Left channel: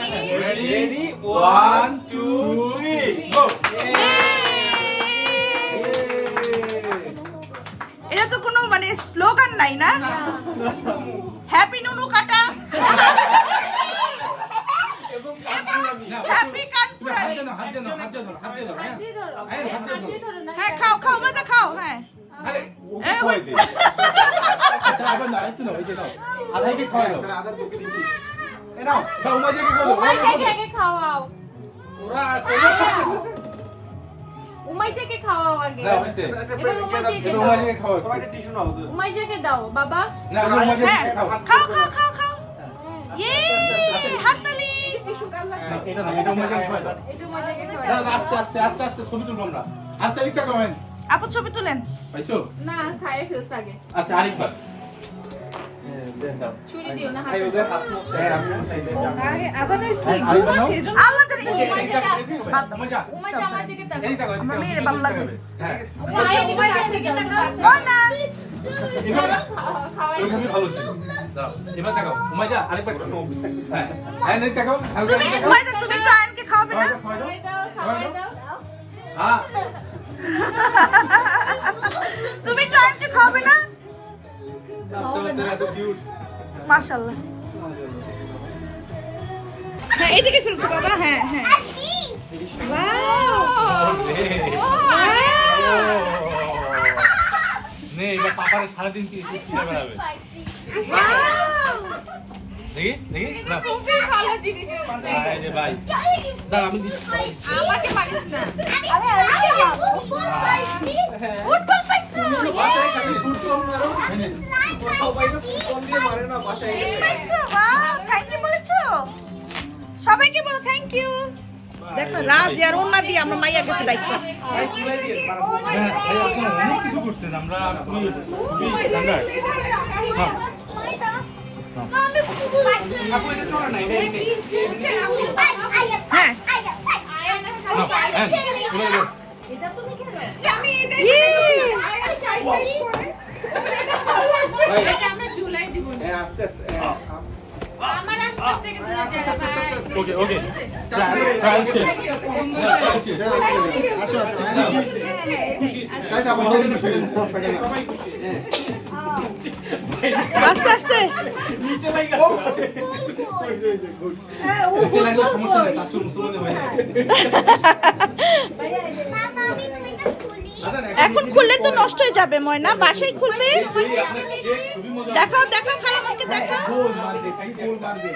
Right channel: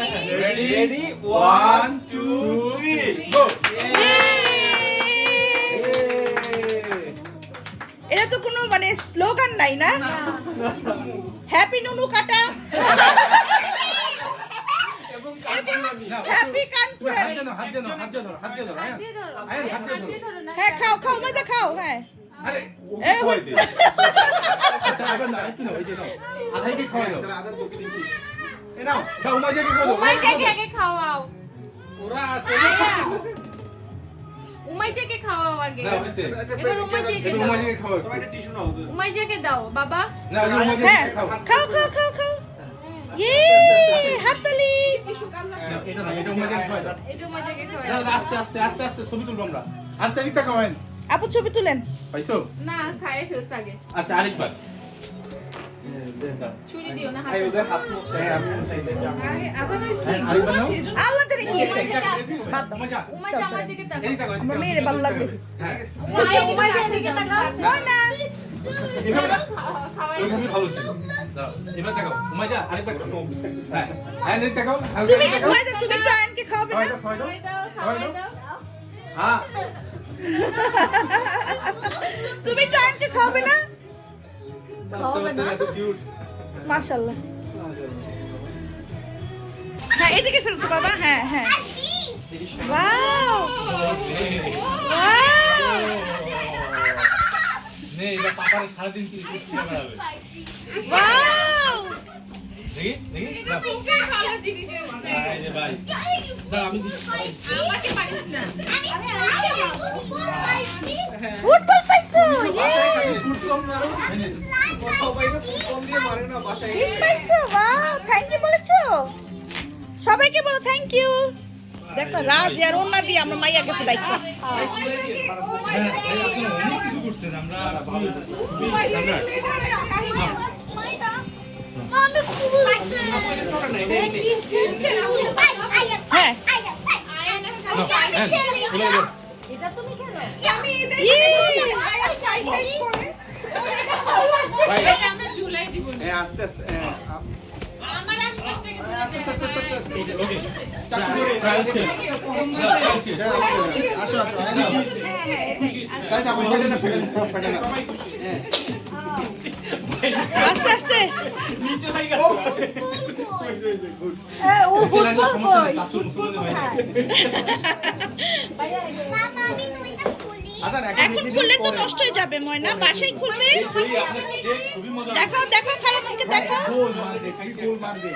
Ready? 1, 2, 3, go! এটা তো কোনো মানে স্লোগান নাই না? হ্যাপি নুনু কাটা, হ্যাপি কানপুরানি। হ্যাঁ খাও খাও মজা খাও। হ্যাঁ উমাইকে খাওয়াও। উমাইকে খাওয়াও আগে। এবার উমাইকে খাওয়াও। উমাইকে দাও বাবা। খাও খাও খাও খাও। ইয়ে হাততালি। এটা উমাইকে খাওয়াও। আস্তে আস্তে আস্তে আস্তে ছবি তুলবো আমরা। আস্তে দিকটা কমেন আপু ছবি তুলেন। পাইছো? না খায় ফেলছ আগে। আচ্ছা আরেকবার। ছুরি দিও না হাতে। আল্লাহ করে উমাইকে আমার দিকে তাকাও। আমার মেয়ের ভালো লাগবে। উমাইকে দিকে তাকাও। না ওইভাবে ভালো ছিল। দাঁড়াও, এবার তাকাও। উমাইয়া আরেকবার তাকাও। হ্যাঁ, হ্যাঁ নেই তাকাও। তুমি তুমি তো আয়নকে খাওয়াবে না? খাওয়াই দাও, খাওয়াই দাও। হ্যাঁ, তুমি তো আয়নকে খাওয়াবে না? বাচ্চা এত কিউট। মাশাআল্লাহ। হ্যাঁ এইদিকে ফেলতো বাবা। হ্যাঁ হ্যাঁ ওয়াও নে এটা পাপার সারা দিন কি ছিলা বেড়াবে। ওয়াও দেখি দেখি না। খুবই ভালো জিনিস। এই যে ভাই দাঁড়া আমি আমাকে মারিস না। ফুটবল পাইছো। পাইছো ওয়াও থ্যাংক ইউ বলেছো। সবাইকে বলো থ্যাংক ইউ। দেখো রাজ আর ওন্না দিয়ে আমরা মাইয়া কাছে দাইছো। অনেক কিছু করছেন আমরা খুবই স্ট্যান্ডার্ড। হ্যাঁ হ্যাঁ এটা তুমি খেলো। এটা আমরা ঝুলাই দিব না। আস্তে আস্তে আমার আশপাশ থেকে ওকে ওকে ট্রায়াল শেষ। আসো আসো গাইস আমার ফেলে আস্তে আস্তে নিচে লাগা নিচে লাগলে সমস্যা নেই চাচু মুসলমান ভাই। এখন খুললে তো নষ্ট হয়ে যাবে ময়না। বাসায় খুলবে। খুবই মজা। দেখাও দেখাও খালামণিকে দেখাও। গোল মার দে গোল মার দে